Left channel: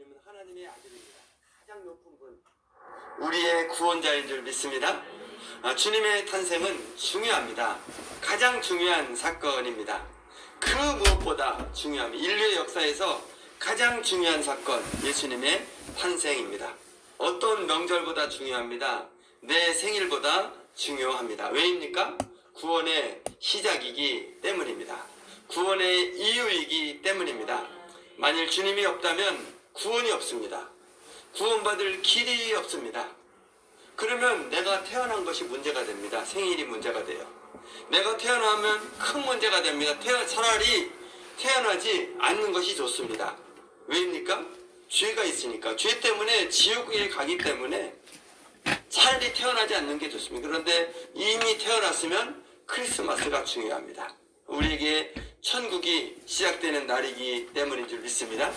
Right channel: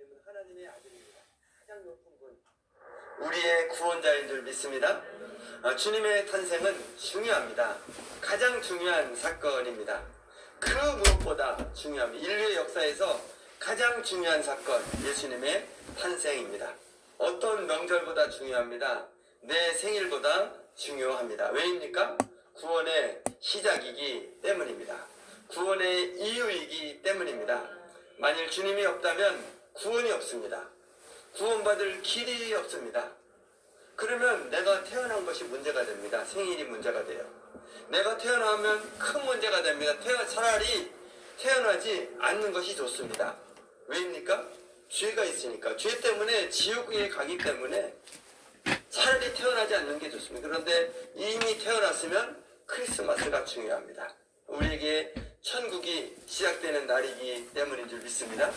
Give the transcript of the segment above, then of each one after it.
예수님은 하나님의 아들입니다. 가장 높은 분, 우리의 구원자인 줄 믿습니다. 주님의 탄생은 중요합니다. 가장 중요한 사건입니다. 그 무엇보다 중요합니다. 인류의 역사에서 가장 중요한 사건, 예수님의 탄생입니다. 어떤 명절보다 중요합니다. 내 생일보다 중요합니다. 왜입니까? 구원의 시작이기 때문입니다. 구원의 이유이기 때문입니다. 만일 주님이 없다면 구원이 없습니다. 구원받을 길이 없습니다. 그러면 내가 태어난 것이 문제가 됩니다. 생일이 문제가 돼요. 내가 태어나면 큰 문제가 됩니다. 차라리 태어나지 않는 것이 좋습니다. 왜입니까? 죄가 있으니까. 죄 때문에 지옥에 가기 때문에 차라리 태어나지 않는 게 좋습니다. 그런데 이미 태어났으면 크리스마스가 중요합니다. 우리에게 천국이 시작되는 날이기 때문인 줄 믿습니다.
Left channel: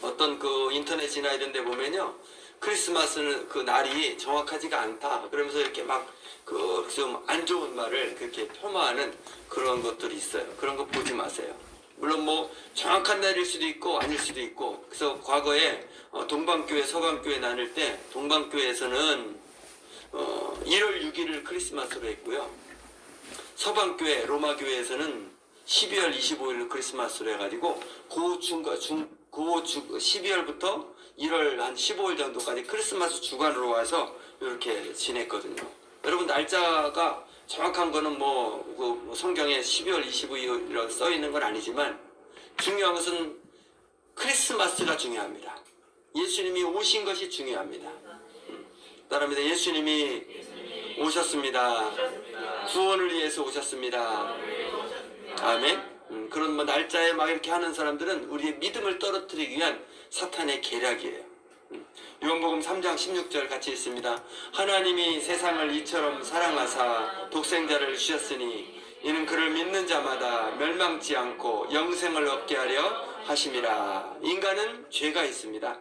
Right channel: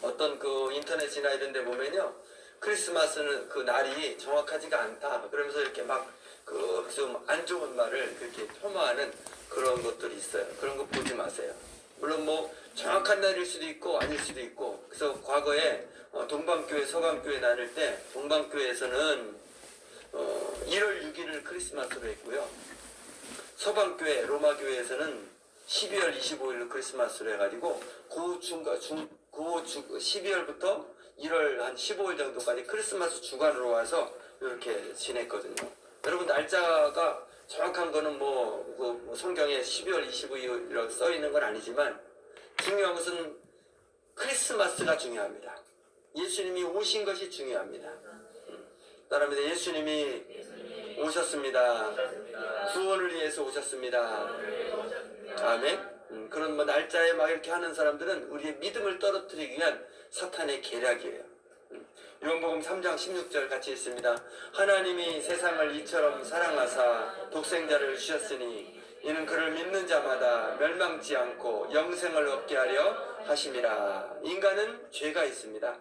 어떤 그 인터넷이나 이런 데 보면요, 크리스마스는 그 날이 정확하지가 않다 그러면서 이렇게 막 그 좀 안 좋은 말을 그렇게 폄하하는 그런 것들이 있어요. 그런 거 보지 마세요. 물론 뭐 정확한 날일 수도 있고 아닐 수도 있고. 그래서 과거에 동방교회 서방교회 나눌 때 동방교회에서는 1월 6일을 크리스마스로 했고요, 서방교회 로마교회에서는 12월 25일을 크리스마스로 해가지고 12월부터 1월 한 15일 정도까지 크리스마스 주간으로 와서 이렇게 지냈거든요. 여러분, 날짜가 정확한 거는 뭐 성경에 12월 25일이라고 써 있는 건 아니지만 중요한 것은 크리스마스가 중요합니다. 예수님이 오신 것이 중요합니다. 따라합니다. 예수님이 오셨습니다. 구원을 위해서 오셨습니다. 아멘. 그런 뭐 날짜에 막 이렇게 하는 사람들은 우리의 믿음을 떨어뜨리기 위한 사탄의 계략이에요. 요한복음 3장 16절 같이 있습니다. 하나님이 세상을 이처럼 사랑하사 독생자를 주셨으니 이는 그를 믿는 자마다 멸망치 않고 영생을 얻게 하려 하심이라. 인간은 죄가 있습니다.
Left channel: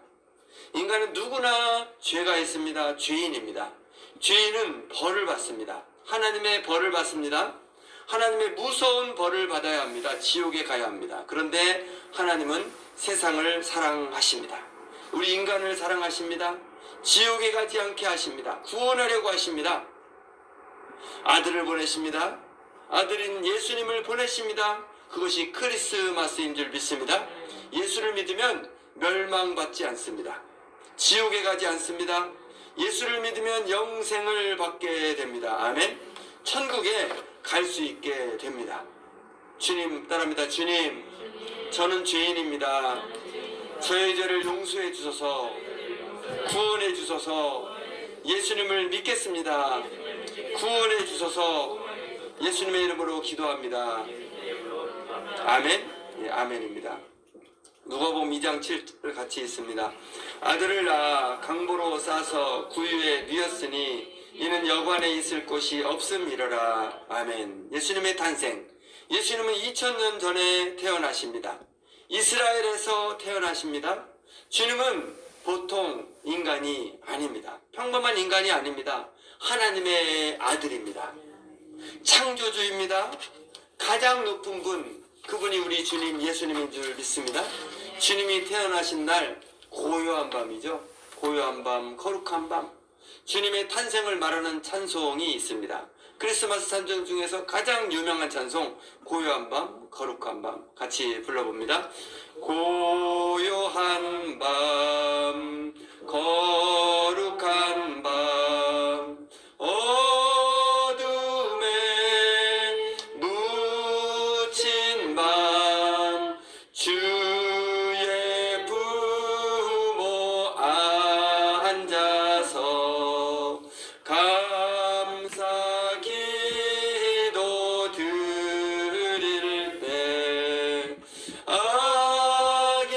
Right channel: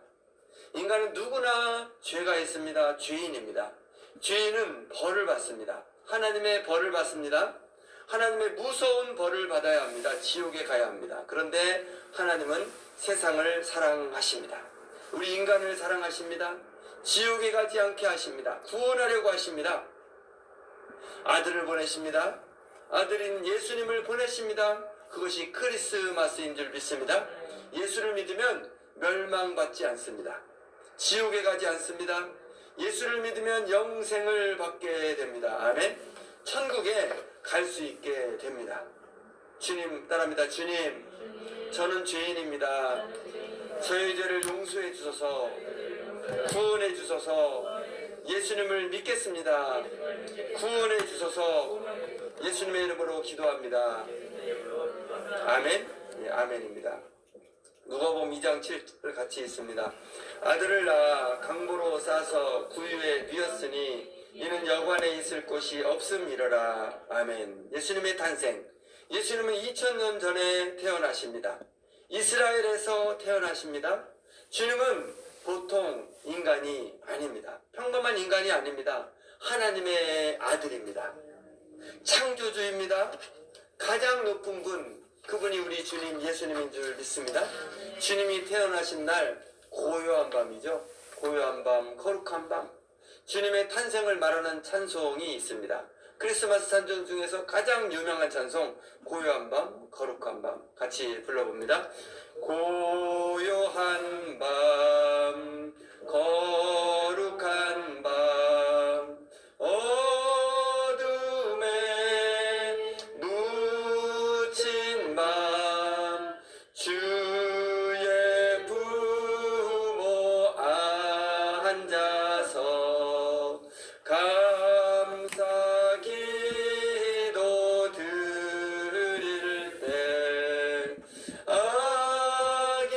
인간은 누구나 죄가 있습니다. 죄인입니다. 죄인은 벌을 받습니다. 하나님의 벌을 받습니다. 하나님의 무서운 벌을 받아야 합니다. 지옥에 가야 합니다. 그런데 하나님은 세상을 사랑하십니다. 우리 인간을 사랑하십니다. 지옥에 가지 않게 하십니다. 구원하려고 하십니다. 아들을 보내십니다. 아들인 예수님을 보내십니다. 그것이 크리스마스인 줄 믿습니다. 예수를 믿으면 멸망받지 않습니다. 지옥에 가지 않습니다. 예수를 믿으면 영생을 받게 됩니다. 아멘. 천국에 갈 수 있게 됩니다. 주님, 따라합니다. 주님, 저는 죄인입니다. 저의 죄를 용서해 주소서, 구원해 주소서, 예수님을 믿겠습니다. 구원해 주소서, 예수님의 이름으로 기도합니다. 아멘. 예, 아멘입니다. 누가복음 2장 7절 같이 있습니다. 아들을 낳아 강보로 싸서 구유에 뉘었으니 이는 여관에 있을 곳이 없음이러라. 아멘. 예수님의 탄생. 예수님은 2000년 전에 태어나십니다. 이스라엘에서 태어나십니다. 주님은 보통 인간이 아닙니다. 평범한 인간이 아닙니다. 하나님의 아들입니다. 창조주입니다. 가장 높은 분, 그분이 우리 주님 예수님인 줄 믿습니다. 주님이 태어나신 날 고요한 밤이죠. 고요한 밤, 거룩한 밤. 주님의 탄생을 말하는 찬송이 있습니다. 크리스마스 찬송 중에서 가장 유명한 찬송, 고요한 밤, 거룩한 밤. 같이 불러봅니다. 고요한 밤, 거룩한 밤, 어둠에 묻힌 밤, 주의 부모 앉아서 감사 기도 드릴 때 아기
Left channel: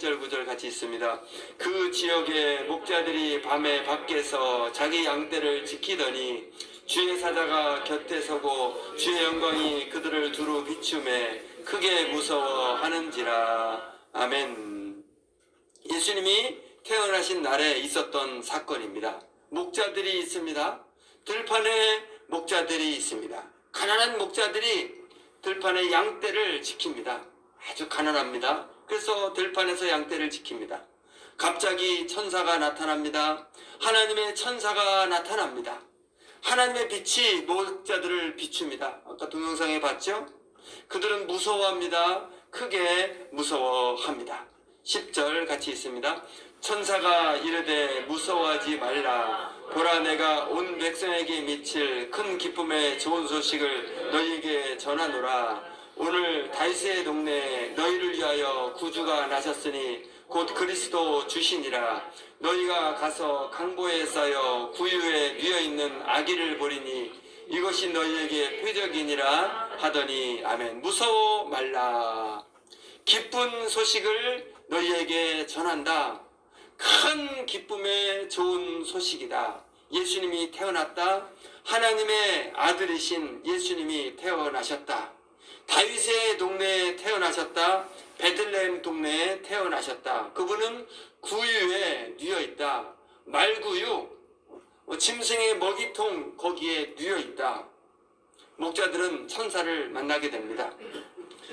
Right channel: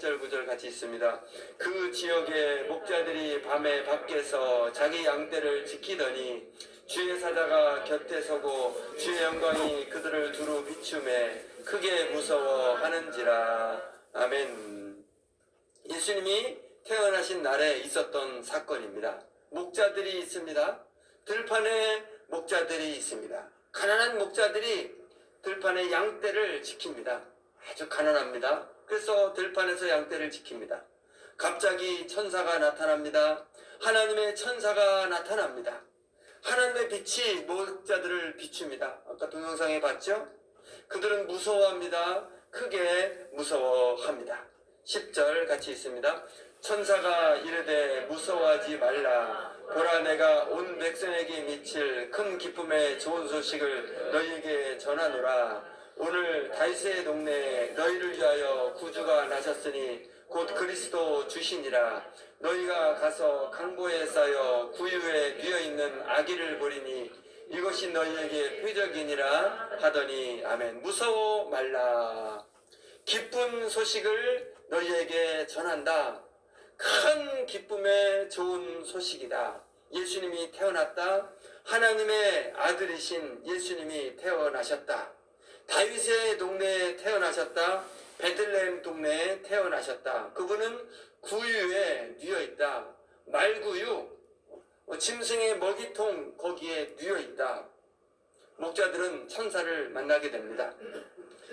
8절 9절 같이 있습니다. 그 지역의 목자들이 밤에 밖에서 자기 양떼를 지키더니 주의 사자가 곁에 서고 주의 영광이 그들을 두루 비추매 크게 무서워하는지라. 아멘. 예수님이 태어나신 날에 있었던 사건입니다. 목자들이 있습니다. 들판에 목자들이 있습니다. 가난한 목자들이 들판의 양떼를 지킵니다. 아주 가난합니다. 그래서 들판에서 양떼를 지킵니다. 갑자기 천사가 나타납니다. 하나님의 천사가 나타납니다. 하나님의 빛이 목자들을 비춥니다. 아까 동영상에 봤죠? 그들은 무서워합니다. 크게 무서워합니다. 10절 같이 있습니다. 천사가 이르되 무서워하지 말라. 보라, 내가 온 백성에게 미칠 큰 기쁨의 좋은 소식을 너희에게 전하노라. 오늘 다윗의 동네에 너희를 위하여 구주가 나셨으니 곧 그리스도 주시니라. 너희가 가서 강보에 쌓여 구유에 뉘어있는 아기를 보리니 이것이 너희에게 표적이니라 하더니. 아멘. 무서워 말라. 기쁜 소식을 너희에게 전한다. 큰 기쁨의 좋은 소식이다. 예수님이 태어났다. 하나님의 아들이신 예수님이 태어나셨다. 다윗의 동네에 태어나셨다. 베들레헴 동네에 태어나셨다. 그분은 구유에 뉘어있다. 말구유, 짐승의 먹이통 거기에 뉘어있다. 목자들은 천사를 만나게 됩니다.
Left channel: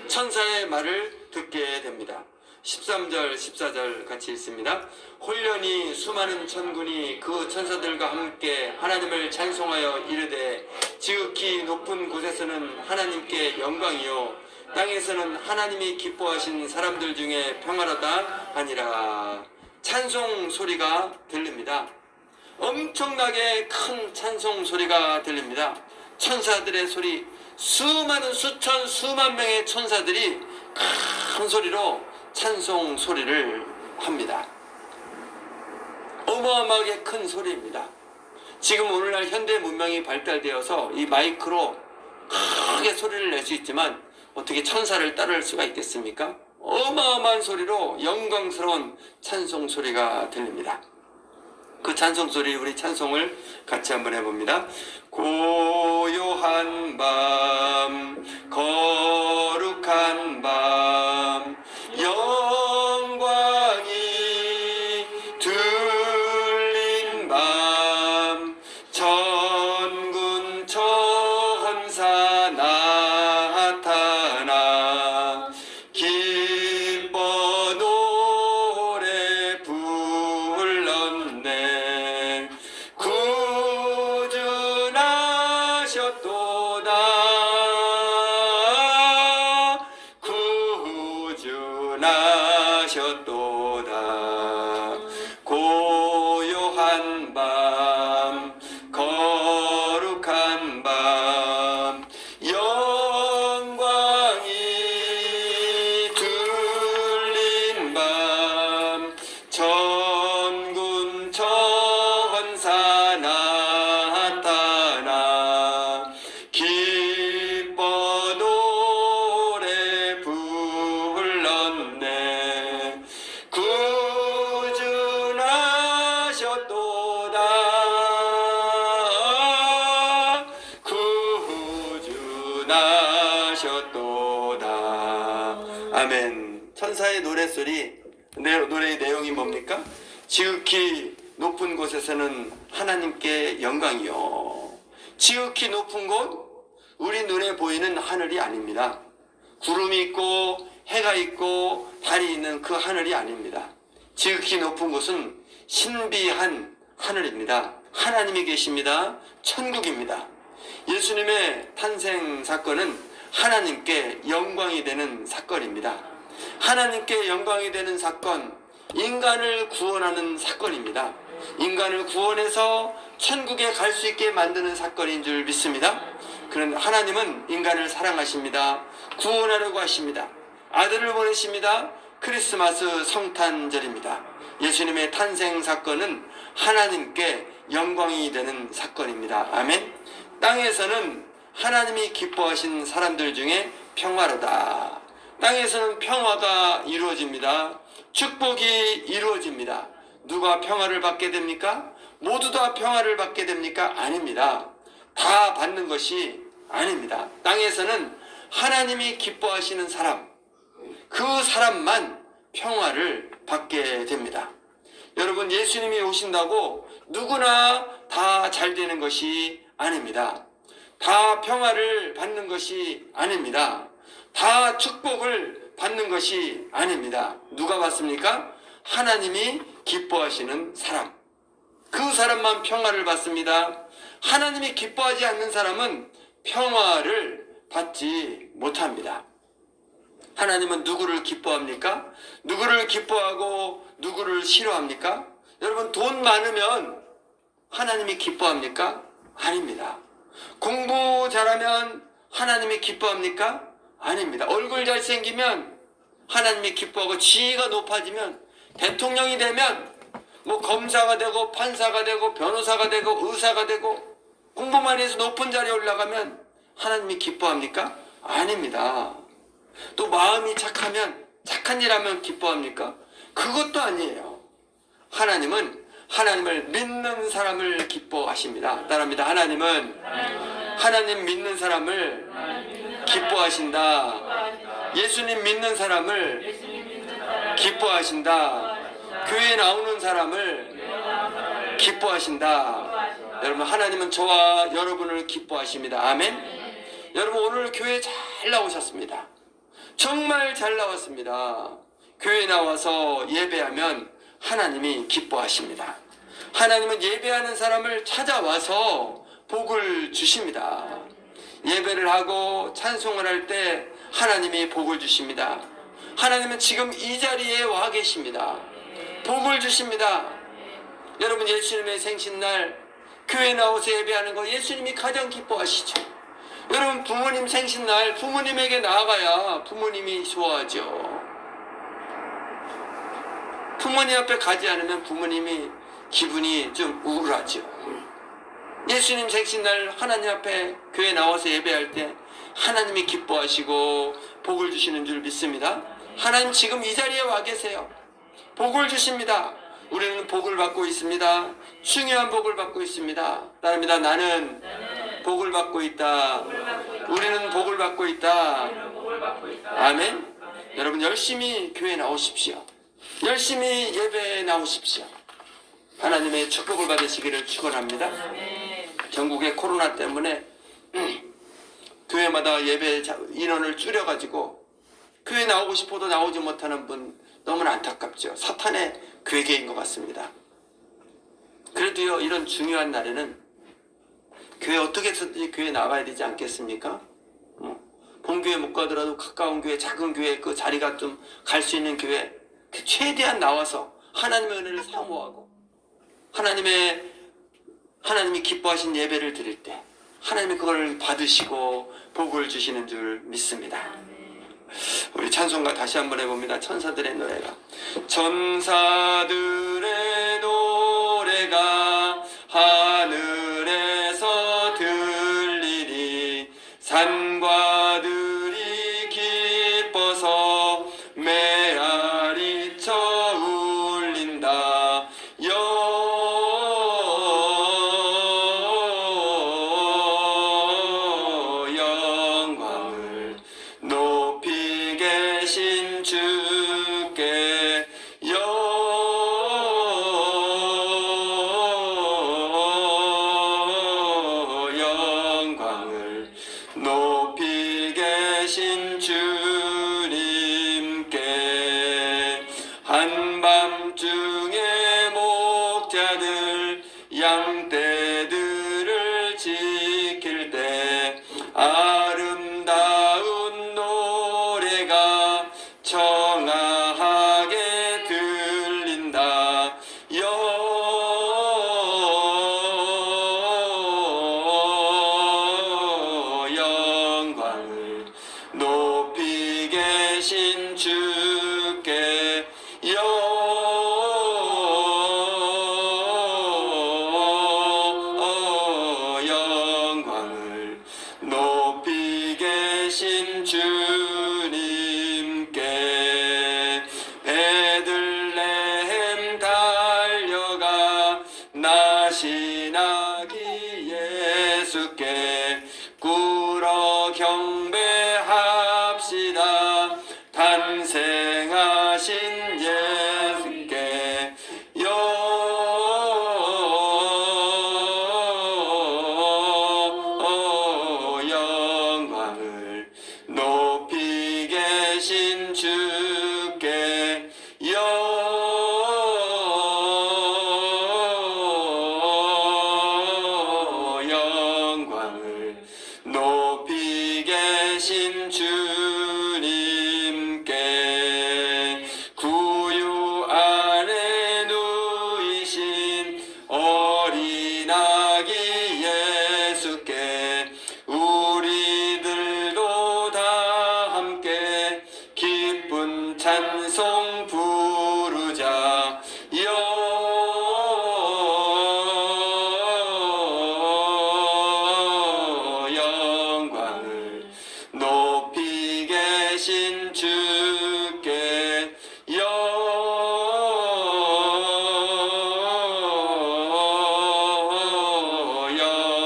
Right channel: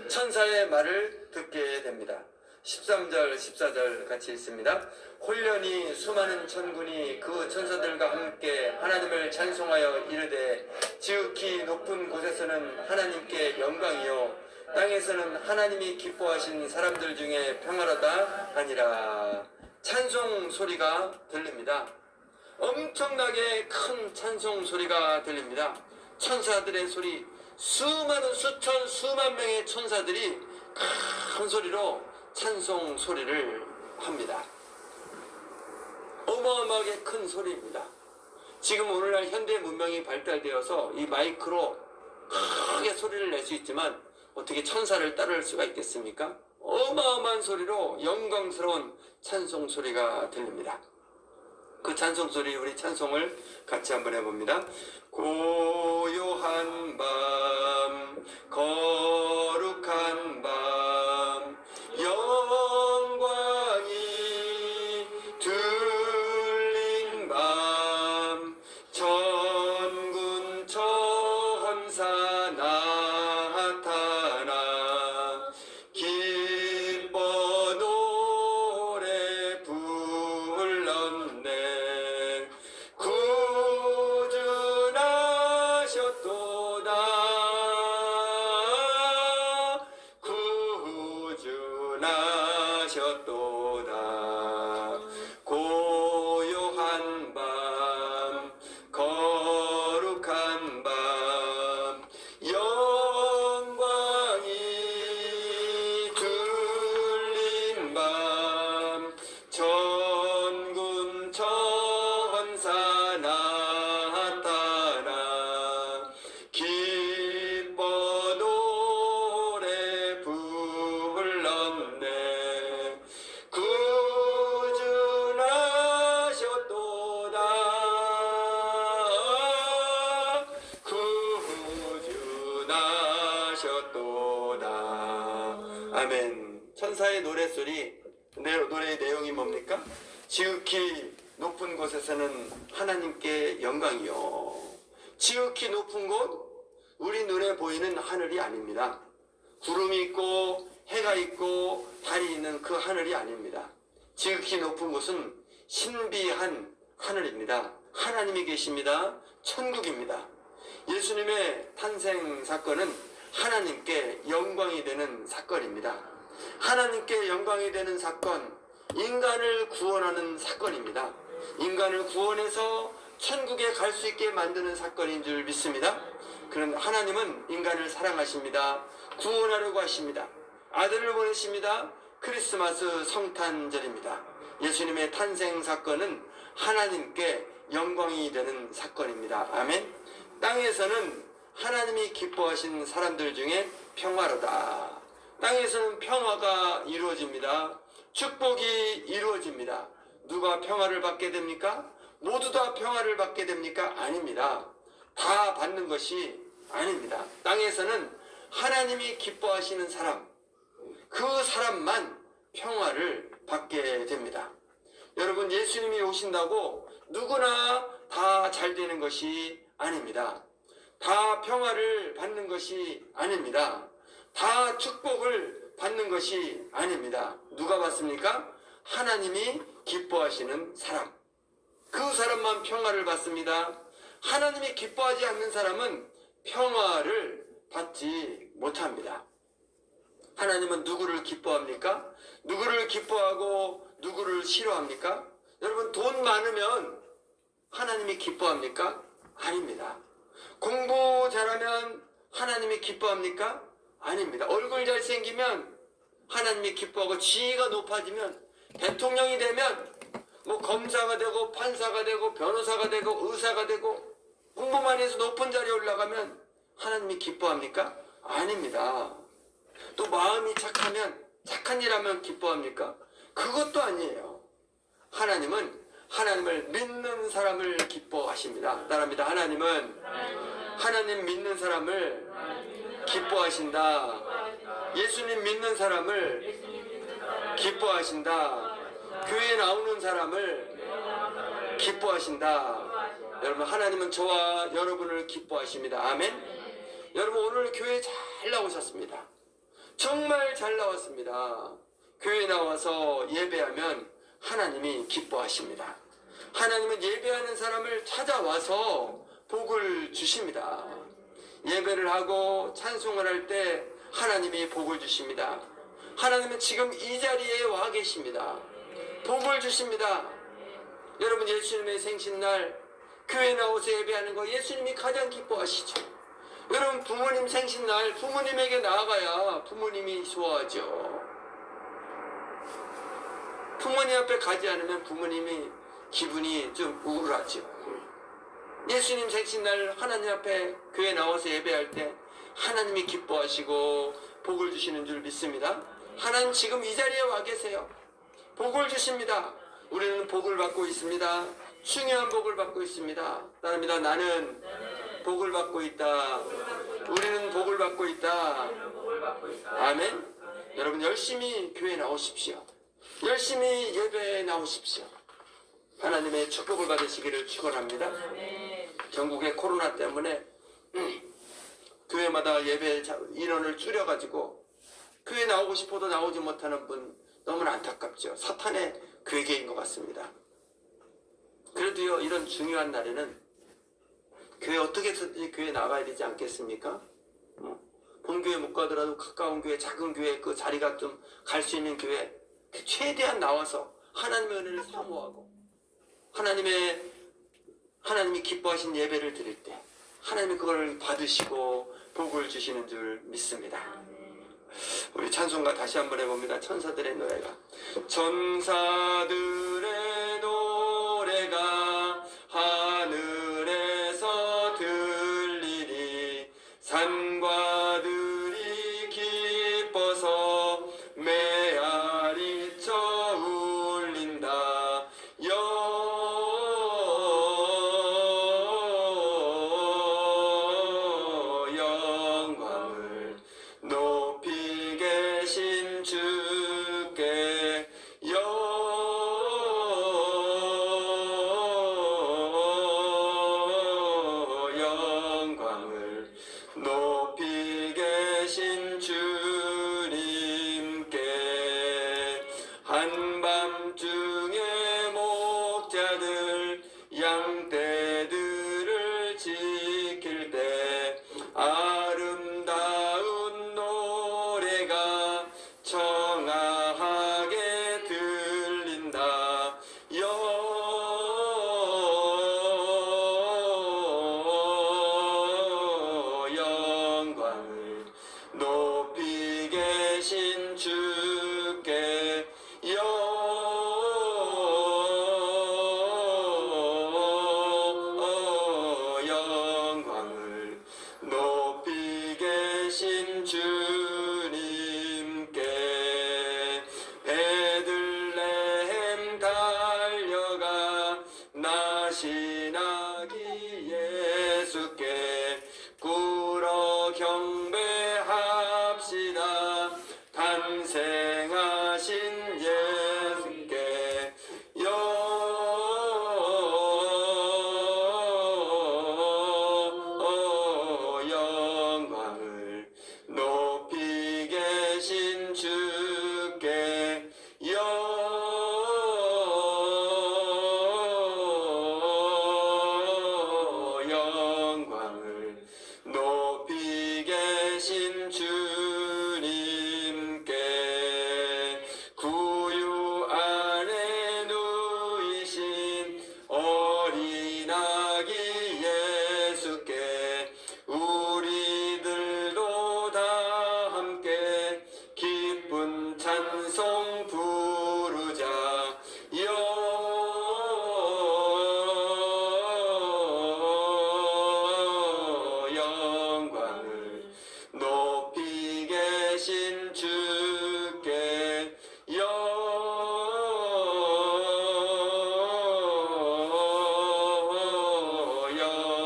천사의 말을 듣게 됩니다. 13절 14절 같이 있습니다. 홀련히 수많은 천군이 그 천사들과 함께 하나님을 찬송하여 이르되 지극히 높은 곳에서는 하나님께 영광이요 땅에서는 하나님이 기뻐하신 사람들 중에 평화로다 하니라. 찬송 소리가 들립니다. 엄청나게 큰 찬송 소리가 들립니다. 천사들의 소리, 수많은 수천 수만 명의 천사들이 큰 소리로 찬송 소리를 합니다. 어마어마하게 큰 소리입니다. 지금 오늘날 현대 문명이 발달되어서 이 마이크로 크게 소리를 낼 수 있지만 어떻게 천사를 따를 수가 있겠습니까? 어마어마한 소리로 영광스러운 찬송 소리가 들립니다. 그 찬송 소리, 우리 찬송을 같이 한번 해봅니다. 고요한 밤, 거룩한 밤, 영광이 들린 밤, 천군 천사 나타나 기뻐 노래 불렀네. 구주나셨도다. 고요한 밤, 거룩한 밤, 영광이 들린 밤, 천군 천사 나타나 기뻐 노래 불렀네. 구주나셨도다. 구주나셨도다. 아멘. 천사의 노랫소리, 노래의 내용이 뭡니까? 지극히 높은 곳에서는 하나님께 영광이요. 지극히 높은 곳, 우리 눈에 보이는 하늘이 아닙니다. 구름이 있고 해가 있고 달이 있는 그 하늘이 아닙니다. 지극히 높은 곳은 신비한 하늘입니다. 하나님이 계십니다. 천국입니다. 예수님의 탄생 사건은 하나님께 영광이 되는 사건입니다. 하나님께 영광이 되는 사건, 인간을 구원하는 사건입니다. 인간을 구원해서 천국에 갈 수 있게 만드는 사건인 줄 믿습니다. 그런 하나님은 인간을 사랑하십니다. 구원하려고 하십니다. 아들을 보내십니다. 크리스마스 성탄절입니다. 예수님의 탄생 사건은 하나님께 영광이 되는 사건입니다. 아멘. 땅에서는 하나님이 기뻐하신 사람들 중에 평화로다. 땅에서는 평화가 이루어집니다. 축복이 이루어집니다. 누가 평화를 받게 됩니까? 모두 다 평화를 받게 됩니까? 아닙니다. 다 받는 것이 아닙니다. 땅에서는 하나님이 기뻐하시는 사람, 그 사람만 평화를 받게 됩니다. 여러분, 예수님이 오신다고 누구나 다 잘 되는 것이 아닙니다. 다 평화를 받는 것이 아닙니다. 다 축복을 받는 것이 아닙니다. 누가 받습니까? 하나님이 기뻐하시는 사람, 그 사람만 평화를 받습니다. 하나님이 기뻐하지 않는 사람은 평화를 받지 못합니다. 하나님은 누구를 기뻐합니까? 누구를 기뻐하고 누구를 싫어합니까? 여러분, 돈 많으면 하나님이 기뻐합니까? 아닙니다. 공부 잘하면 하나님이 기뻐합니까? 아닙니다. 얼굴 잘생기면 하나님이 기뻐하고, 지위가 높아지면, 대통령이 되면 뭐 검사가 되고 판사가 되고 변호사가 되고 의사가 되고 공부만 해서 높은 자리에 올라가면 하나님이 기뻐합니까? 아닙니다. 또 마음이 착하면, 착한 일 하면 기뻐합니까? 그것도 아니에요. 하나님은 하나님을 믿는 사람을 기뻐하십니다. 따라합니다. 하나님은 하나님 믿는 사람을 기뻐하신다. 예수님 믿는 사람을 기뻐하신다. 교회에 나오는 사람을 기뻐하신다. 여러분, 하나님은 저와 여러분을 기뻐하십니다. 아멘. 여러분, 오늘 교회 잘 나오셨습니다. 정말 잘 나왔습니다. 교회 나와서 예배하면 하나님이 기뻐하십니다. 하나님은 예배하는 사람을 찾아와서 복을 주십니다. 예배를 하고 찬송을 할 때 하나님이 복을 주십니다. 하나님은 지금 이 자리에 와 계십니다. 복을 주십니다. 여러분, 예수님의 생신날 교회 나와서 예배하는 거 예수님이 가장 기뻐하시죠. 여러분, 부모님 생신날 부모님에게 나아가야 부모님이 좋아하죠. 부모님 앞에 가지 않으면 부모님이 기분이 좀 우울하죠. 예수님 생신날 하나님 앞에 교회 나와서 예배할 때 하나님이 기뻐하시고 복을 주시는 줄 믿습니다. 하나님 지금 이 자리에 와 계세요. 복을 주십니다. 우리는 복을 받고 있습니다. 중요한 복을 받고 있습니다. 따릅니다. 나는 복을 받고 있다. 우리는 복을 받고 있다. 아멘. 여러분, 열심히 교회에 나오십시오. 열심히 예배에 나오십시오. 하나님의 축복을 받으시기를 축원합니다. 전국의 코로나 때문에 교회마다 예배 인원을 줄여가지고 교회 나오고 싶어도 나오지 못하는 분 너무나 안타깝죠. 사탄의 괴계인 것 같습니다. 그래도요, 이런 중요한 날에는 교회 어떻게 해서든지 교회 나가야 되지 않겠습니까? 본교회 못 가더라도 가까운 교회, 작은 교회, 그 자리가 좀 갈 수 있는 교회 최대한 나와서 하나님의 은혜를 사모하고 하나님이 기뻐하신 예배를 드릴 때 하나님이 그걸 받으시고 복을 주시는 줄 믿습니다. 우리 찬송가 다시 한번 해봅니다. 천사들의 노래가. 천사들의 노래가 하늘에서 들리니 산과 들이 기뻐서 메아리쳐 울린다. 영광을 높이 계신 주께 영광을 높이 계신 주님께 한밤중에 목자들 양떼들을 지킬 때 아름다운 노래가 청아하게 들린다. 영광을 높이 낙이 예수께 꿇어 경배합시다. 탄생하신 예수께 영광을 높이 계신 주께 영광을 높이 계신 주님께 구유 안에 누이신 어린 아기 예수께 우리들도 다 함께 기쁜 찬송 부르자. 영광을 높이 계신 주께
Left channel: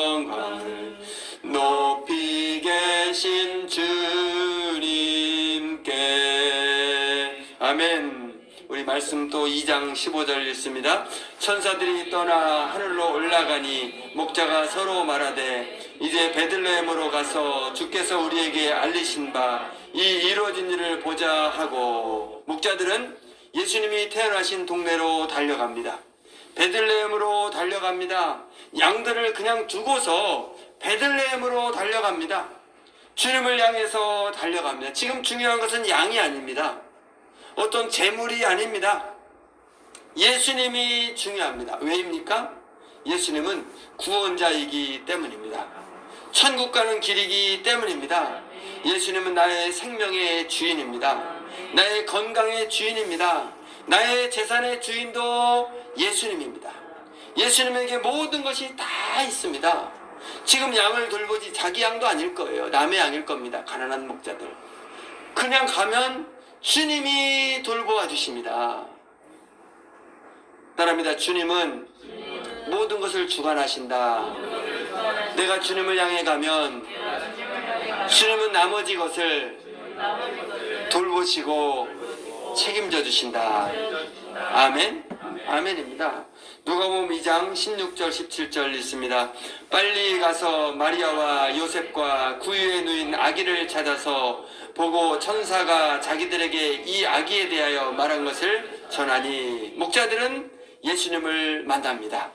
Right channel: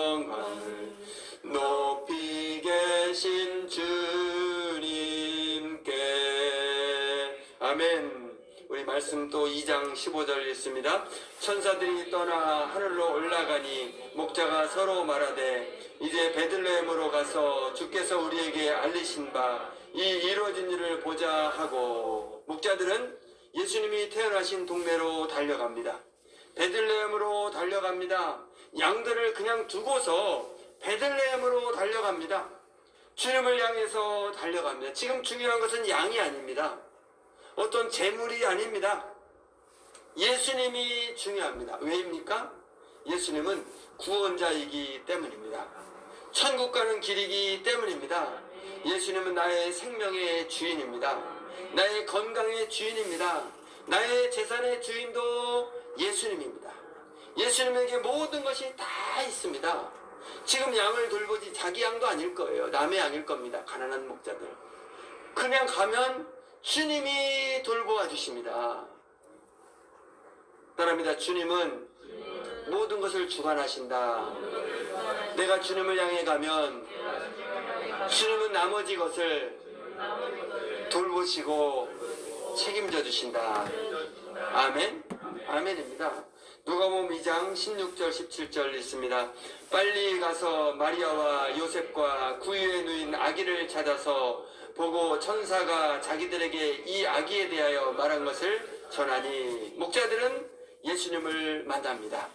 영광을 높이 계신 주님께. 아멘. 우리 말씀 또 2장 15절 읽습니다. 천사들이 떠나 하늘로 올라가니 목자가 서로 말하되 이제 베들레헴으로 가서 주께서 우리에게 알리신 바 이 이루어진 일을 보자 하고 목자들은 예수님이 태어나신 동네로 달려갑니다. 베들레헴으로 달려갑니다. 양들을 그냥 두고서 베들레헴으로 달려갑니다. 주님을 향해서 달려갑니다. 지금 중요한 것은 양이 아닙니다. 어떤 재물이 아닙니다. 예수님이 중요합니다. 왜입니까? 예수님은 구원자이기 때문입니다. 천국 가는 길이기 때문입니다. 예수님은 나의 생명의 주인입니다. 나의 건강의 주인입니다. 나의 재산의 주인도 예수님입니다. 예수님에게 모든 것이 다 있습니다. 지금 양을 돌보지 자기 양도 아닐 거예요. 남의 양일 겁니다. 가난한 목자들. 그냥 가면 주님이 돌보아 주십니다. 따라합니다. 주님은 모든 것을 주관하신다. 내가 주님을 향해 가면 주님은 나머지 것을 돌보시고 책임져 주신다. 아멘. 아멘입니다. 누가복음 2장 16절 17절 있습니다. 빨리 가서 마리아와 요셉과 구유에 누인 아기를 찾아서 보고 천사가 자기들에게 이 아기에 대하여 말한 것을 전하니 목자들은 예수님을 만납니다.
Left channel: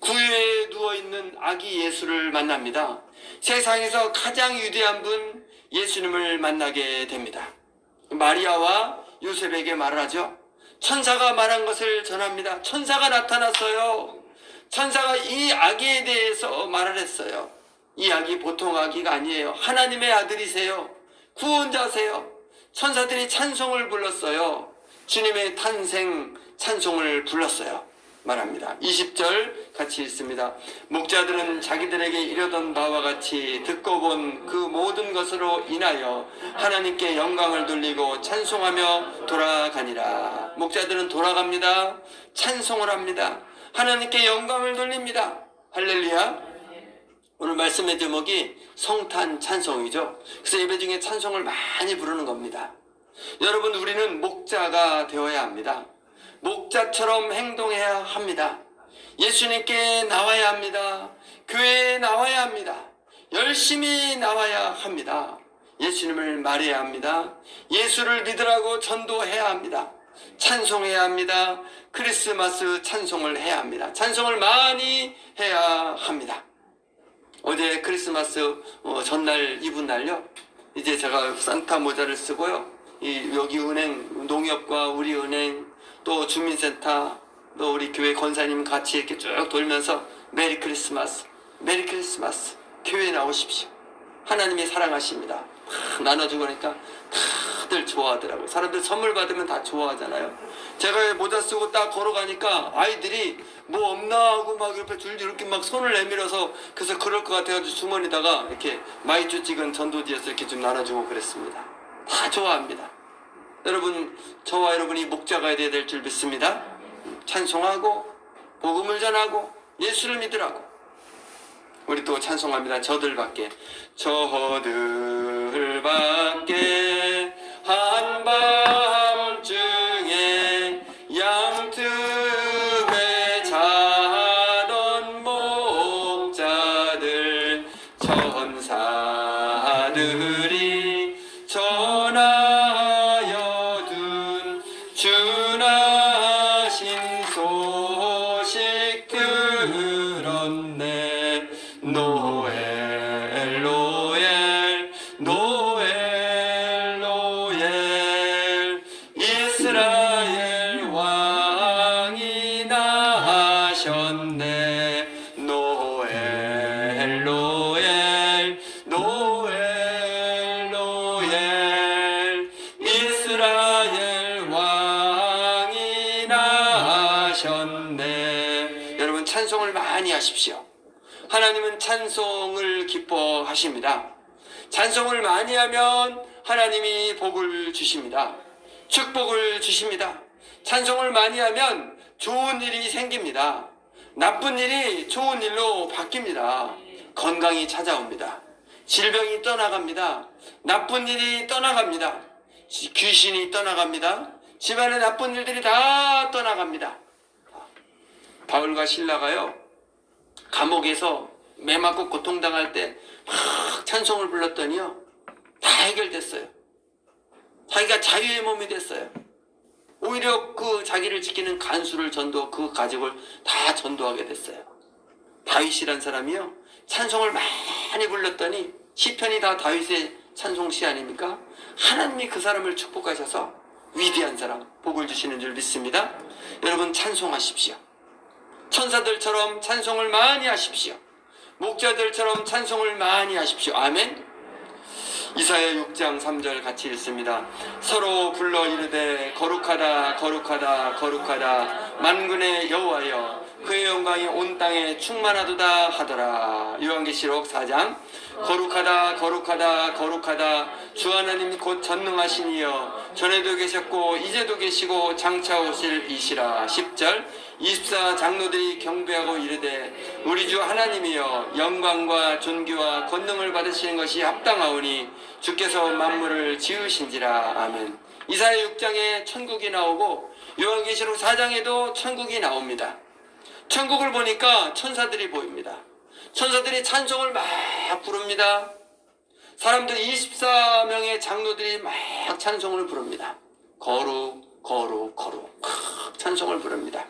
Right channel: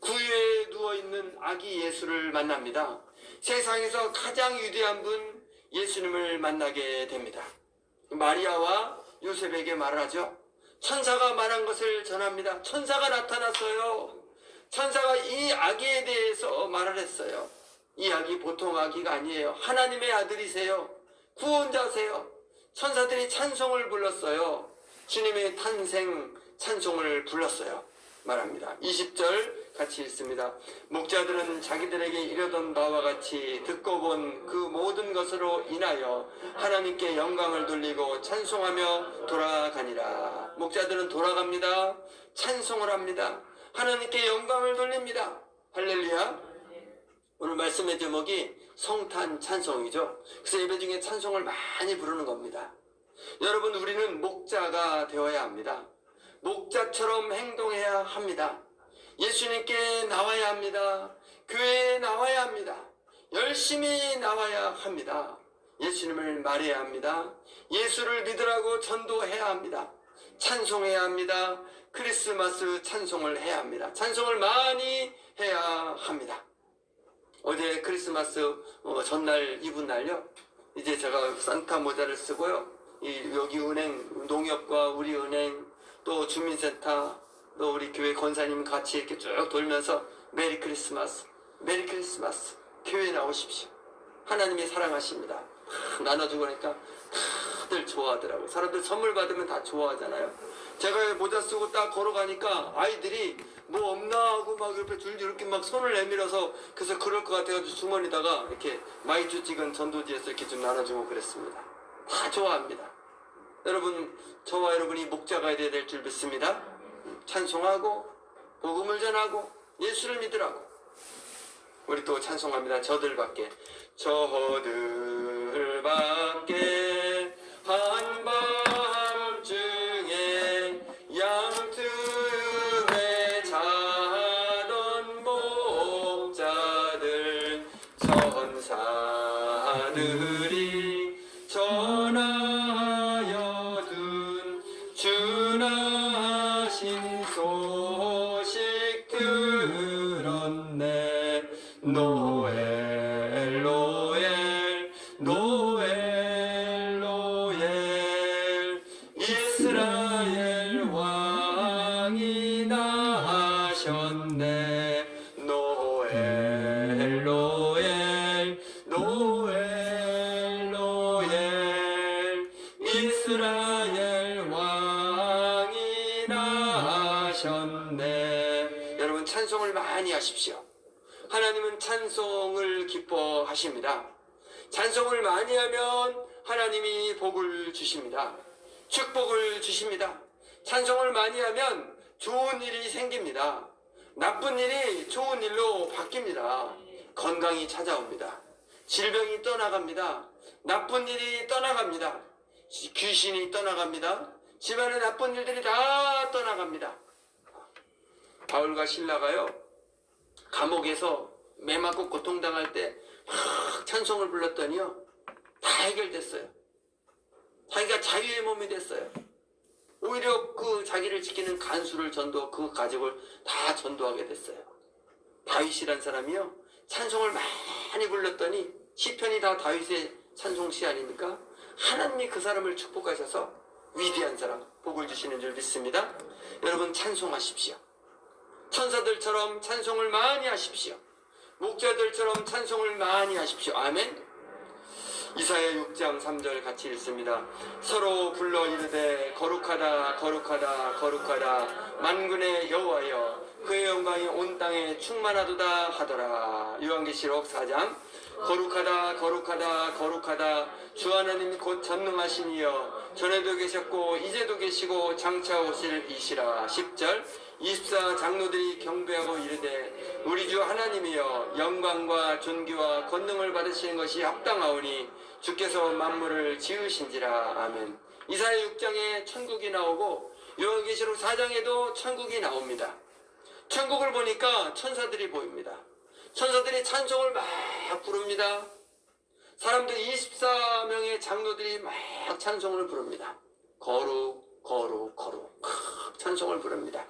구유에 누워있는 아기 예수를 만납니다. 세상에서 가장 위대한 분 예수님을 만나게 됩니다. 마리아와 요셉에게 말을 하죠. 천사가 말한 것을 전합니다. 천사가 나타났어요. 천사가 이 아기에 대해서 말을 했어요. 이 아기 보통 아기가 아니에요. 하나님의 아들이세요. 구원자세요. 천사들이 찬송을 불렀어요. 주님의 탄생 찬송을 불렀어요. 말합니다. 20절 같이 읽습니다. 목자들은 자기들에게 이르던 바와 같이 듣고 본 그 모든 것으로 인하여 하나님께 영광을 돌리고 찬송하며 돌아가니라. 목자들은 돌아갑니다. 찬송을 합니다. 하나님께 영광을 돌립니다. 할렐루야. 오늘 말씀의 제목이 성탄 찬송이죠. 그래서 예배 중에 찬송을 많이 부르는 겁니다. 여러분, 우리는 목자가 되어야 합니다. 목자처럼 행동해야 합니다. 예수님께 나와야 합니다. 교회에 나와야 합니다. 열심히 나와야 합니다. 예수님을 말해야 합니다. 예수를 믿으라고 전도해야 합니다. 찬송해야 합니다. 크리스마스 찬송을 해야 합니다. 찬송을 많이 해야 합니다. 어제 크리스마스 전날 이분 날요. 이제 제가 산타 모자를 쓰고요. 여기 은행, 농협과 우리 은행, 또 주민센터, 또 우리 교회 권사님 같이 이렇게 쭉 돌면서 메리 크리스마스, 메리 크리스마스, 교회에 나오십시오. 하나님이 사랑하십니다. 나눠주고 그러니까 다들 좋아하더라고요. 사람들 선물 받으면 다 좋아하잖아요. 제가 모자 쓰고 딱 걸어가니까 아이들이 뭐 없나 하고 막 옆에 줄줄 이렇게 막 손을 내밀어서, 그래서 그럴 것 같아가지고 주머니다가 이렇게 마이쮸 찍은 전도지에서 이렇게 좀 나눠주고 그랬습니다. 다 좋아합니다. 여러분, 저와 여러분이 목자가 되어야 될 줄 믿습니다. 찬송하고 복음을 전하고 예수를 믿으라고 우리 또 찬송합니다. 저들밖에 저들밖에 한밤중에 양틈에 자던 목자들 천사들이 전하여 둔 주나신 소식 들었네. 노엘 노엘 노엘 노엘 이스라엘 왕이 나셨네. 노엘 노엘 노엘 노엘 이스라엘 왕이 나셨네. 여러분 찬송을 많이 하십시오. 하나님은 찬송을 기뻐하십니다. 찬송을 많이 하면 하나님이 복을 주십니다. 축복을 주십니다. 찬송을 많이 하면 좋은 일이 생깁니다. 나쁜 일이 좋은 일로 바뀝니다. 건강이 찾아옵니다. 질병이 떠나갑니다. 나쁜 일이 떠나갑니다. 귀신이 떠나갑니다. 집안의 나쁜 일들이 다 떠나갑니다. 바울과 실라가요, 감옥에서 매 맞고 고통당할 때 막 찬송을 불렀더니요, 다 해결됐어요. 자기가 자유의 몸이 됐어요. 오히려 그 자기를 지키는 간수를 전도, 그 가족을 다 전도하게 됐어요. 다윗이란 사람이요, 찬송을 많이 불렀더니 시편이 다 다윗의 찬송시 아닙니까? 하나님이 그 사람을 축복하셔서 위대한 사람, 복을 주시는 줄 믿습니다. 여러분 찬송하십시오. 천사들처럼 찬송을 많이 하십시오. 목자들처럼 찬송을 많이 하십시오. 아멘. 이사야 6장 3절 같이 읽습니다. 서로 불러 이르되 거룩하다 거룩하다 거룩하다 만군의 여호와여 그의 영광이 온 땅에 충만하도다 하더라. 요한계시록 4장 거룩하다 거룩하다 거룩하다 주 하나님 곧 전능하신 이여 전에도 계셨고 이제도 계시고 장차 오실 이시라. 10절 24 장로들이 경배하고 이르되 우리 주 하나님이여 영광과 존귀와 권능을 받으시는 것이 합당하오니 주께서 만물을 지으신지라. 아멘. 이사야 6장에 천국이 나오고 요한계시록 4장에도 천국이 나옵니다. 천국을 보니까 천사들이 보입니다. 천사들이 찬송을 막 부릅니다. 사람들 24명의 장로들이 막 찬송을 부릅니다. 거룩 거룩 거룩 찬송을 부릅니다.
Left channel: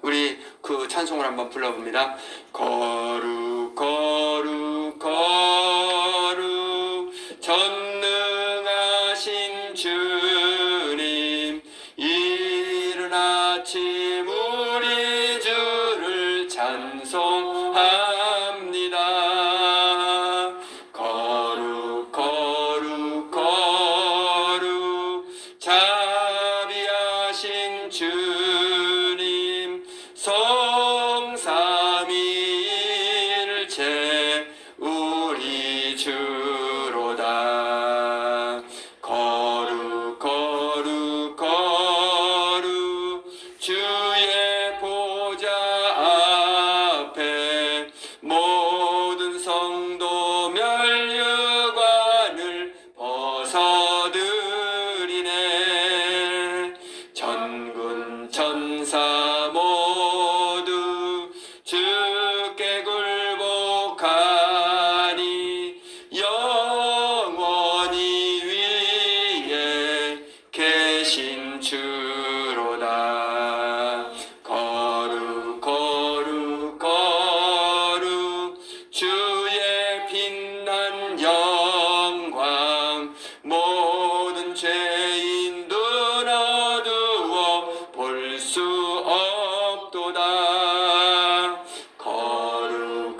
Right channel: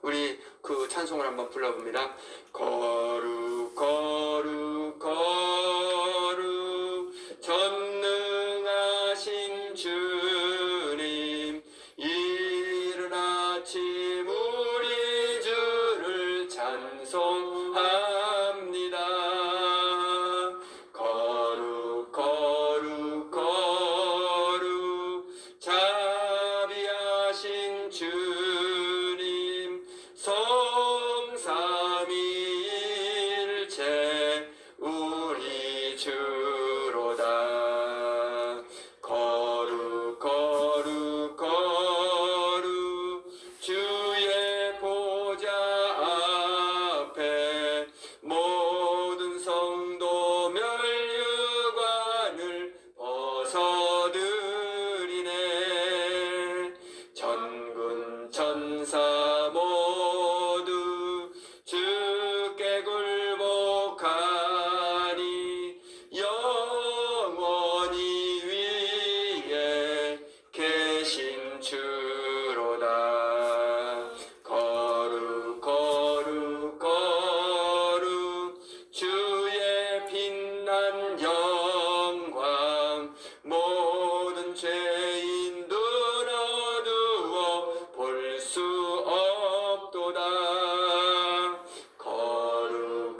우리 그 찬송을 한번 불러봅니다. 거룩 거룩 거룩 전능하신 주님 이른 아침 우리 주를 찬송합니다. 거룩 거룩 거룩 자비하신 주님 성삼위일체 우리 주로다. 거룩 거룩 거룩 주의 보좌 앞에 모든 성도 멸류관을 벗어드리네. 전군 천사 모두 주께 굴복하니 영원히 위에 계신 주로다. 거룩 거룩 거룩 주의 빛난 영광 모든 죄인 눈 어두워 볼 수 없도다.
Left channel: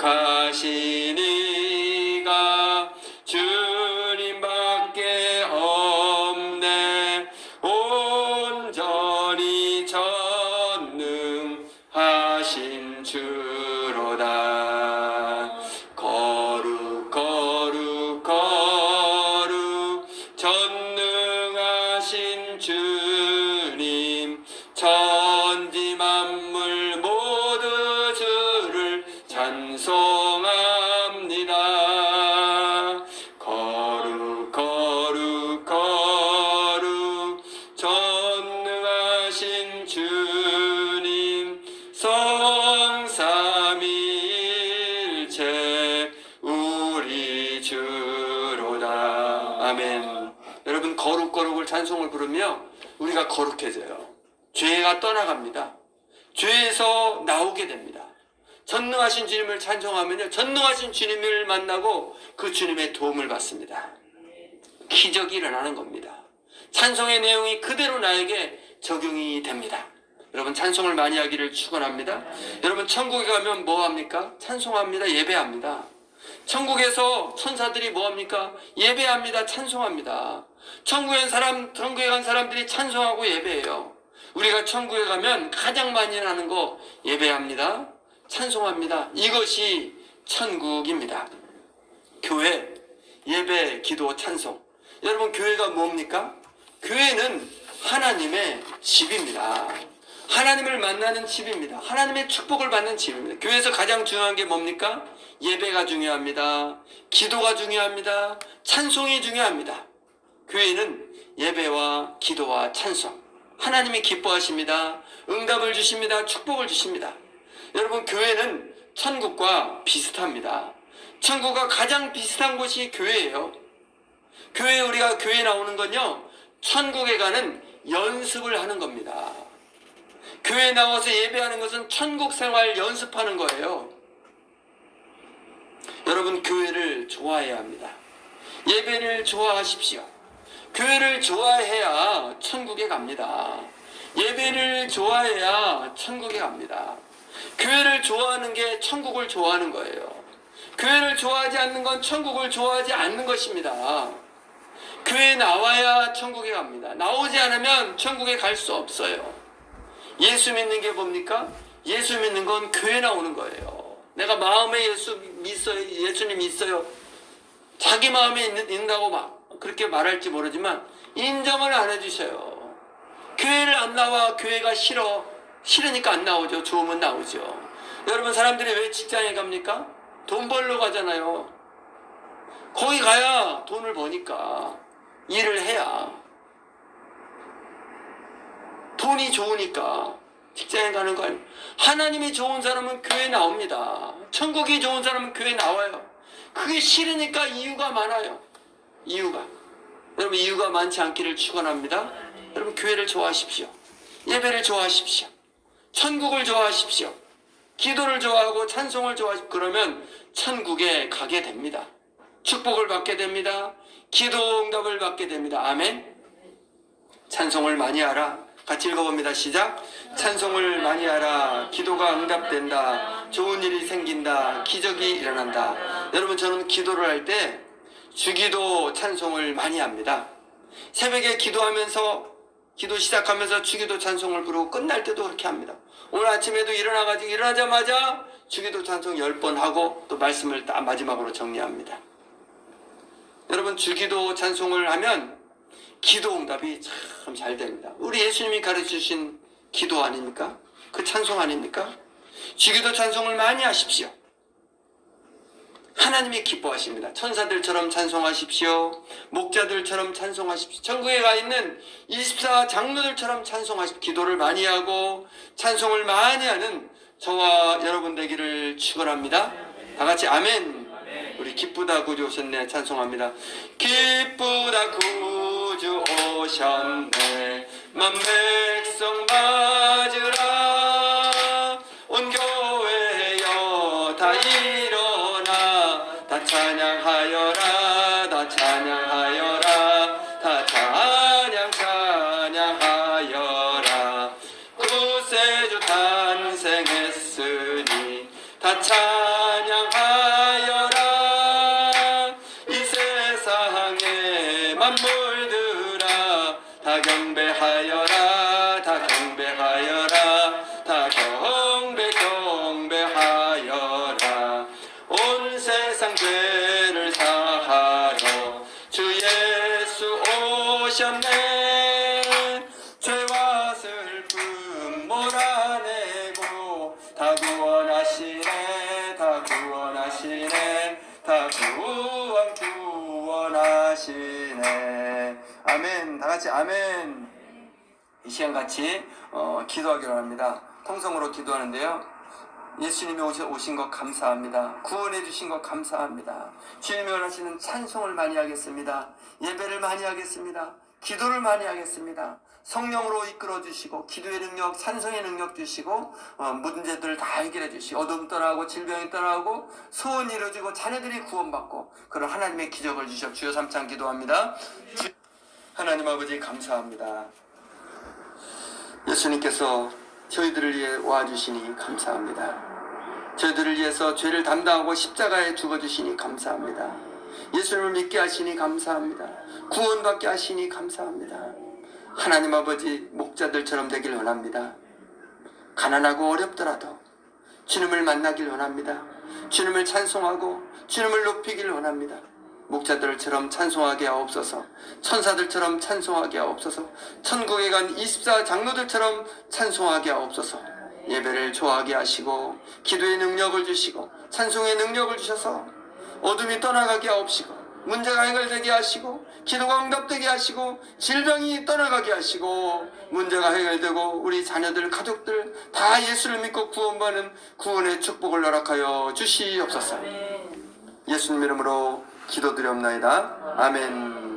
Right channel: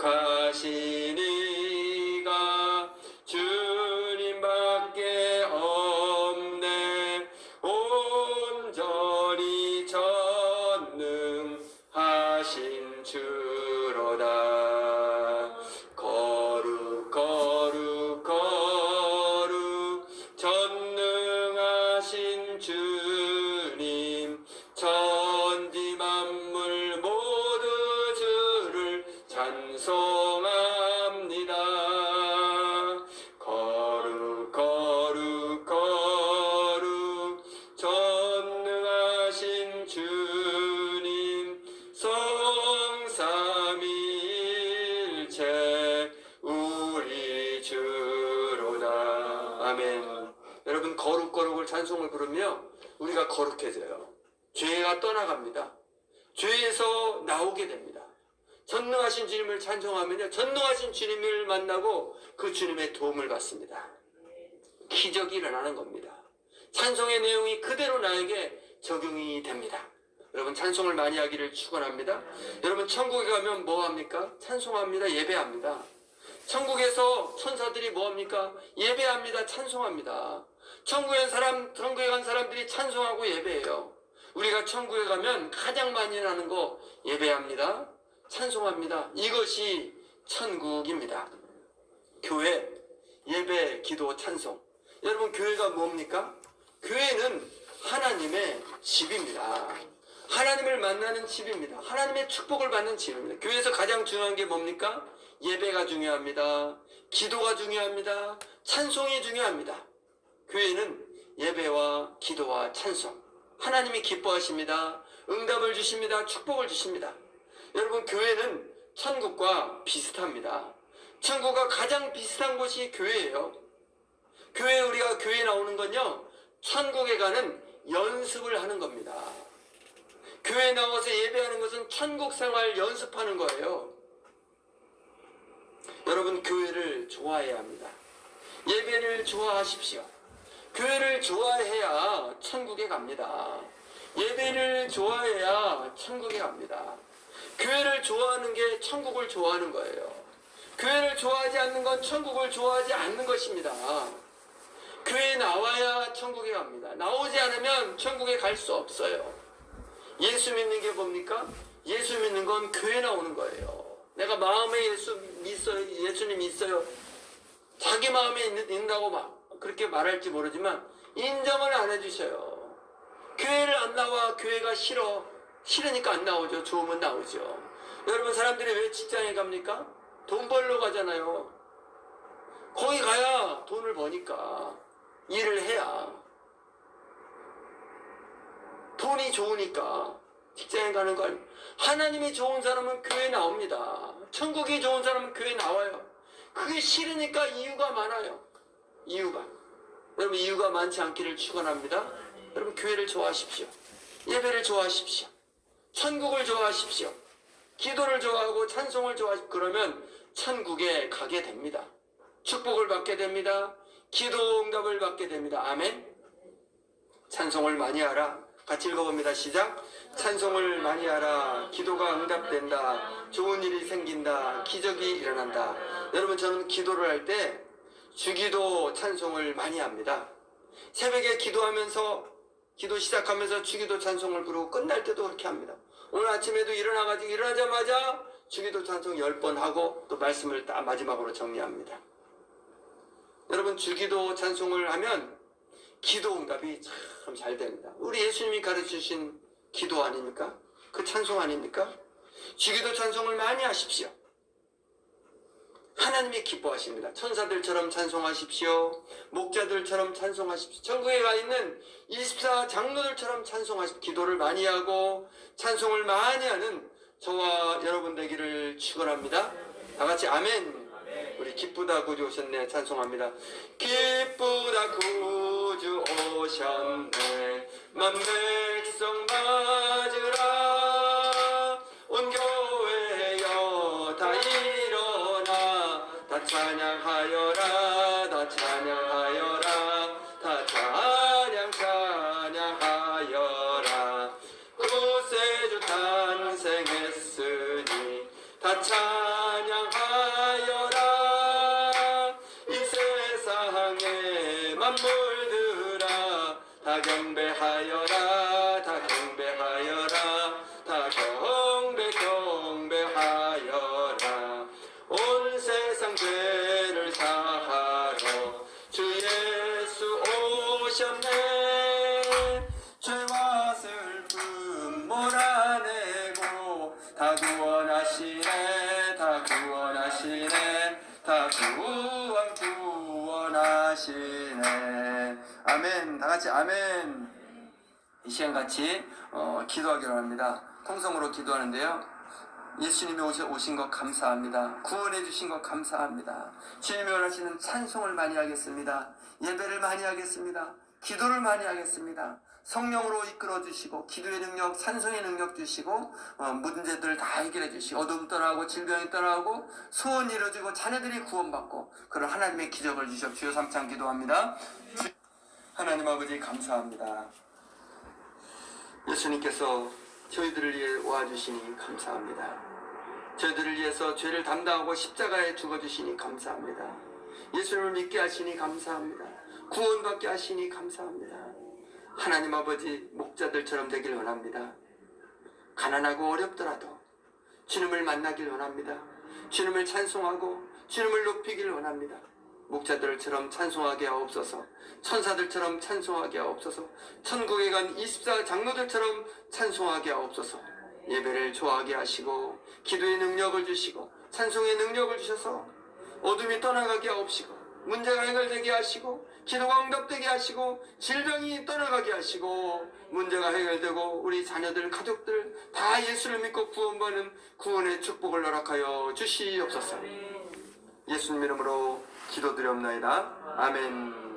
거룩하신 이가 주님밖에 없네. 온전히 전능하신 주로다. 거룩 거룩 거룩 전능하신 주님 천지 만물 모두 주를 찬송하네. 거룩을 찬송을 부르며 우리가 거룩해져요. 죄가 떠나갑니다. 죄에서 나오게 됩니다. 전능하신 주님을 찬송하면요, 전능하신 주님을 만나고 그 주님의 도움을 받습니다. 기적이 일어나는 겁니다. 찬송의 내용이 그대로 나에게 적용이 됩니다. 여러분, 찬송을 많이 하기를 축원합니다. 여러분, 천국에 가면 뭐 합니까? 찬송합니다. 예배합니다. 천국에서 천사들이 뭐 합니까? 예배합니다. 찬송합니다. 천국에 간 사람들이 찬송하고 예배해요. 우리가 천국에 가면 가장 많이 하는 거 예배합니다. 찬송합니다. 이것이 천국입니다. 교회, 예배, 기도, 찬송. 여러분, 교회가 뭡니까? 교회는 하나님의 집입니다. 하나님을 만나는 집입니다. 하나님의 축복을 받는 집입니다. 교회에서 가장 중요한 게 뭡니까? 예배가 중요합니다. 기도가 중요합니다. 찬송이 중요합니다. 교회는 예배와 기도와 찬송, 하나님이 기뻐하십니다. 응답을 주십니다. 축복을 주십니다. 여러분, 교회는 천국과 비슷합니다. 천국과 가장 비슷한 곳이 교회예요. 우리가 교회에 나오는 건요, 천국에 가는 연습을 하는 겁니다. 교회에 나와서 예배하는 것은 천국 생활 연습하는 거예요. 여러분, 교회를 좋아해야 합니다. 예배를 좋아하십시오. 교회를 좋아해야 천국에 갑니다. 예배를 좋아해야 천국에 갑니다. 교회를 좋아하는 게 천국을 좋아하는 거예요. 교회를 좋아하지 않는 건 천국을 좋아하지 않는 것입니다. 교회에 나와야 천국에 갑니다. 나오지 않으면 천국에 갈 수 없어요. 예수 믿는 게 뭡니까? 예수 믿는 건 교회 나오는 거예요. 내가 마음에 예수님 있어요. 자기 마음에 있는다고 막 그렇게 말할지 모르지만 인정을 안 해주셔요. 교회를 안 나와. 교회가 싫으니까 안 나오죠. 좋으면 나오죠. 여러분, 사람들이 왜 직장에 갑니까? 돈 벌러 가잖아요. 거기 가야 돈을 버니까, 일을 해야 돈이 좋으니까 직장에 가는 거 아니에요. 하나님이 좋은 사람은 교회 나옵니다. 천국이 좋은 사람은 교회 나와요. 그게 싫으니까 이유가 많아요. 여러분, 이유가 많지 않기를 축원합니다. 여러분, 교회를 좋아하십시오. 예배를 좋아하십시오. 천국을 좋아하십시오. 기도를 좋아하고 찬송을 좋아하십시오. 그러면 천국에 가게 됩니다. 축복을 받게 됩니다. 기도 응답을 받게 됩니다. 아멘. 찬송을 많이 하라. 같이 읽어봅니다. 시작. 찬송을 많이 하라. 기도가 응답된다. 좋은 일이 생긴다. 기적이 일어난다. 여러분, 저는 기도를 할 때 주기도 찬송을 많이 합니다. 새벽에 기도하면서, 기도 시작하면서 주기도 찬송을 부르고 끝날 때도 그렇게 합니다. 오늘 아침에도 일어나자마자 주기도 찬송 10번 하고 또 말씀을 딱 마지막으로 정리합니다. 여러분, 주기도 찬송을 하면 기도 응답이 참 잘 됩니다. 우리 예수님이 가르치신 기도 아닙니까? 그 찬송 아닙니까? 주기도 찬송을 많이 하십시오. 하나님이 기뻐하십니다. 천사들처럼 찬송하십시오. 목자들처럼 찬송하십시오. 천국에 가 있는 24 장로들처럼 찬송하십시오. 기도를 많이 하고 찬송을 많이 하는 저와 여러분 되기를 축원합니다. 다 같이 아멘. 우리 기쁘다 구주 오셨네 찬송합니다. 기쁘다 구주 오셨네 만 백성 맞으라. 온 교회여 다 일어나 다 찬양하여라. 다 찬양하여라. 다 찬양하여라. 구세주 탄생했으니 다 찬양하여라. 이 세상의 만물들아 다 경배하여라. 다 경배하여라. 다 경배하여라. 온 세상 죄를 사하러 주 예수 오셨네. 죄와 슬픔 몰아내고 다 구원하시네. 다 구원하시네. 다 구원하시네. 아멘. 다 같이 아멘. 이 시간 같이 기도하기로 합니다. 통성으로 기도하는데요. 예수님이 오신 것 감사합니다. 구원해 주신 것 감사합니다. 주님이 원하시는 찬송을 많이 하겠습니다. 예배를 많이 하겠습니다. 기도를 많이 하겠습니다. 성령으로 이끌어 주시고 기도의 능력, 찬송의 능력 주시고 문제들을 다 해결해 주시고 어둠 떠나고 질병이 떠나고 소원이 이루어지고 자녀들이 구원받고 그런 하나님의 기적을 주시옵. 주여 삼창 기도합니다. 하나님 아버지 감사합니다. 예수님께서 저희들을 위해 와주시니 감사합니다. 저희들을 위해서 죄를 담당하고 십자가에 죽어주시니 감사합니다. 예수님을 믿게 하시니 감사합니다. 구원받게 하시니 감사합니다. 하나님 아버지 목자들처럼 되길 원합니다. 가난하고 어렵더라도 주님을 만나길 원합니다. 주님을 찬송하고 주님을 높이길 원합니다. 목자들처럼 찬송하게 하옵소서. 천사들처럼 찬송하게 하옵소서. 천국에 간 24 장로들처럼 찬송하게 하옵소서. 예배를 좋아하게 하시고 기도의 능력을 주시고 찬송의 능력을 주셔서 어둠이 떠나가게 하옵시고 문제가 해결되게 하시고 기도가 응답되게 하시고 질병이 떠나가게 하시고 문제가 해결되고 우리 자녀들 가족들 다 예수를 믿고 구원받는 구원의 축복을 허락하여 주시옵소서. 예수님 이름으로 기도드리옵나이다. 아멘.